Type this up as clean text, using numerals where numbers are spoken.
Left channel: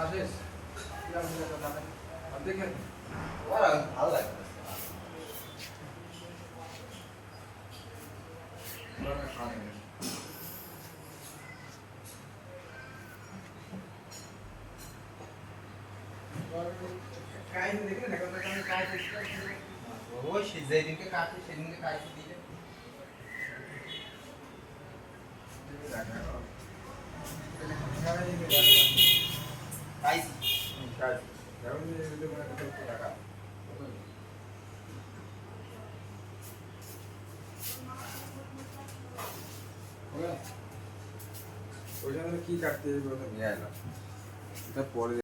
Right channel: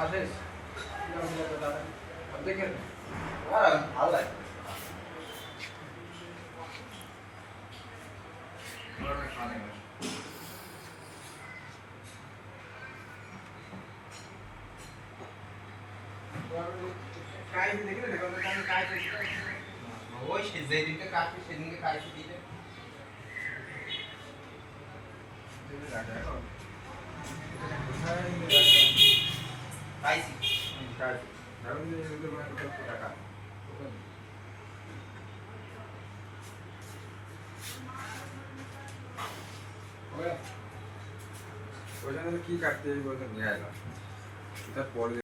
আসিস দেখে ভালো লাগে কাজ দেখলে না কাজ ওই যেদিনকে কাটবে সেদিনকে কাটতে দিলে পাইছি কাজ কারণ টাকা ওই জন্য কি কাটতে বলতে নিয়ে এলাম তারপরে